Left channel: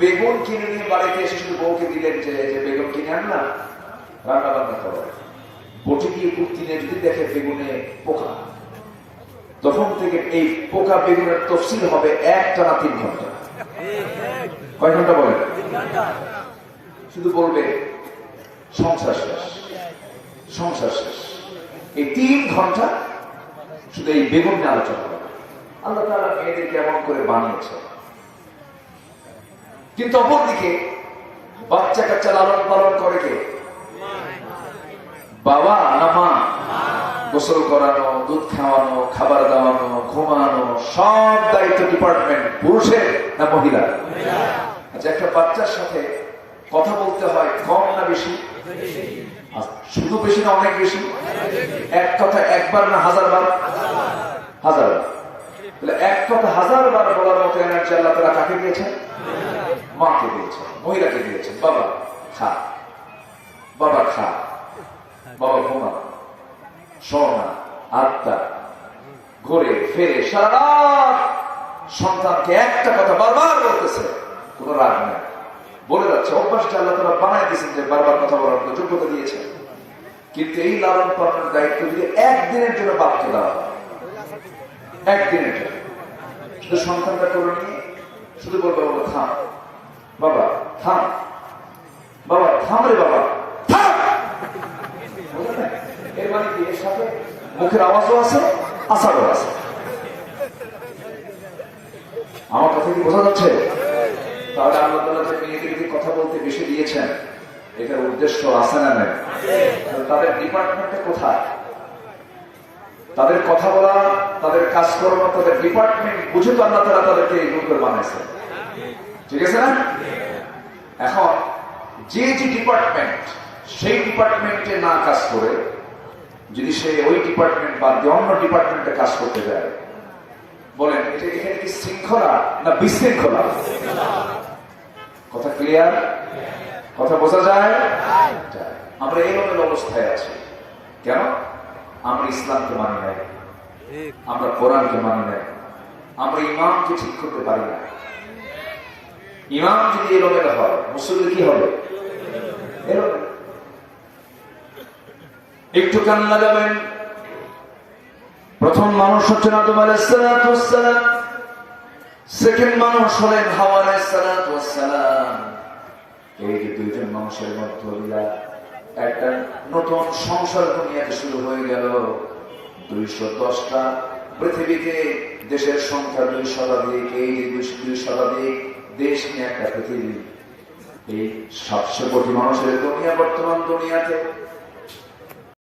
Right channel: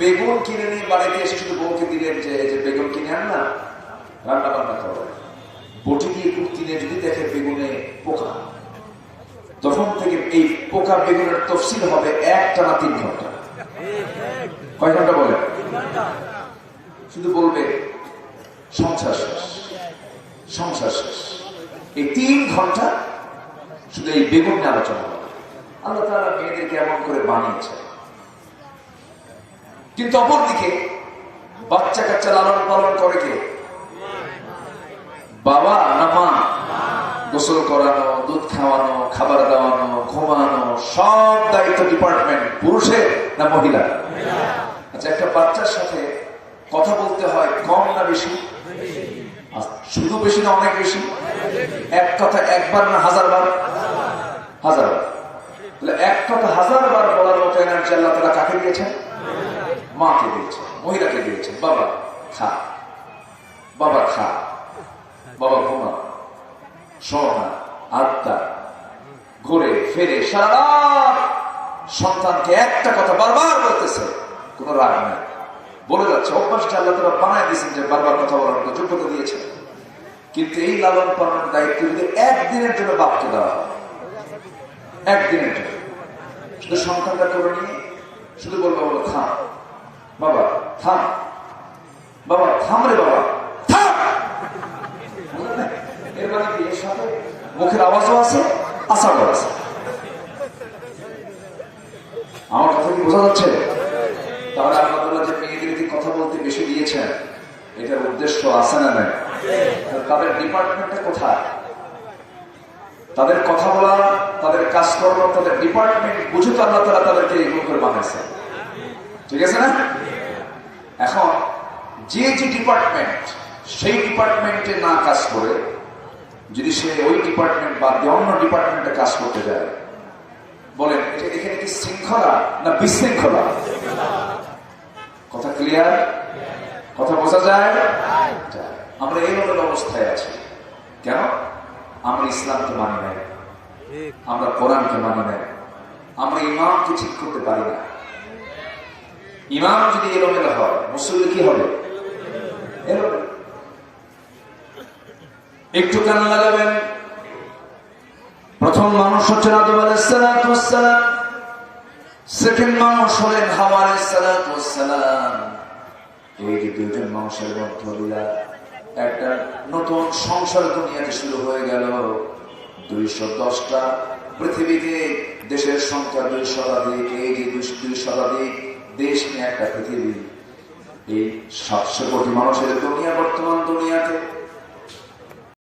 বেগুন কিনে নিয়ে বাড়িতে এসে শুধু বউকে দিলেন যে বেগুন কিনে আন না, রান্না বান্না করো। বটি দিয়ে নিয়ে যদি দেখে বেগুনে পোকা। তখন থেকে এই পোকা বেগুনের তফসিল হবে এক টানা তিন ঘণ্টা। কয় ঘণ্টা বলেন? শুধু বলবে, সংসার শেষ সংসার শেষ। এই তিন ঘণ্টা শুধু এই বেগুন নিয়ে আলোচনা আল্লাহ তারা মেয়েদেরকে এমন করে বানিয়েছে। কিন্তু অপরদিকে বাচ্চা কাচ্চা লালন পালন করে কে? বাবা, না মা? গোসল করানো, দুধ খাওয়ানো, খাবার দাওয়ানো, ঘুমানো, সব দায়িত্ব ডিপার্টমেন্ট পুরুষের না মহিলা? আচ্ছা একটা বাচ্চার সাথে কথা বলতে হয় কম না বেশি? শুধু বেশি না অনেক বেশি? এক কথা একবার না হাজার বার হাজার বার তাহলে এক কথা হাজার বার বলার মতো এনার্জি আল্লাহ তারা কাকে দিয়েছেন? মাকে দিয়েছে, মহিলাকে দিয়েছে, বাবা খা বাবা খা, বাবা ঘুমা সোনা আত্মা, ঘুরে ফিরে সারা সন্তানকে একটা কথা বারবার বলতেছে, কোনো রাগ নেই। বলে যাচ্ছে অভ্যাসটা আল্লাহ তারা বানাই দিয়েছেন যে বারবার কথা বলার যোগ্যতা দিয়েছে কিন্তু এই লালন পালনের দায়িত্ব যদি একদিনের জন্য বাপকে দেওয়া হয়, একদিনের জন্য। শুধু সন্তানটা করে নিয়ে, শুধু বলব, বাবা থাম বাবা, থাম। বাবা, থাম রে বাবা, থাম। এর মানে কি? এর সাথে মুখের আওয়াজও আছে আশাও আছে। আমার কথা কি বোঝা যাচ্ছে? তাহলে আপনারা যে মেয়েদেরকে কথা বলতে বেশি দিয়েছেন, এটার উদ্দেশ্য আছে না নাই? তাদের ডিপার্টমেন্টটা কোথায়? তাদের কথা বলা, তাদের কাজকর্ম, তাদের ডিপার্টমেন্ট বুঝে তো আমরা তারা তাদেরকে করে বানাইছে। ঠিক আছে না? এখন, যে যে ডিপার্টমেন্ট সেই ডিপার্টমেন্টে না কাজ করে, যদি সে ওই ডিপার্টমেন্ট বা অন্য ডিপার্টমেন্টে কাজ করতে যায়, বলেন, এটা এখানে কি শৃঙ্খলা না বিশৃঙ্খলা? কথা ক্লিয়ার কথা বোঝা যায়। আমরা এই মনের অবস্থায় আছি। কেন? আমরা ইসলামকে মানি নাই। আমরা কোরআনকে মানি নাই। আমরা ইমামকে ঠিক করতে পারি না ইমাম যদি এলোমেলো হয় মুসলিম কি হবে? একটু কান লাগাবেন। প্রথম মানুষ হচ্ছেন আদম আলাইসালাম সেকেন্ড মানুষ হলেন হাওয়া আলাইসালাম এই যে দুইজন মানুষের মধ্যে একটা নতুন সংসার দুনিয়াতে শুরু হয়ে গেল। দুইশো দশটা পৃথিবীতে দেশের সংখ্যা দুই শতাধিক এই যে দুই শতাধিক দেশ নিয়ে একটা পৃথিবী। এই সাতশো কোটি মানুষের দুনিয়া বর্তমান দুনিয়াতে।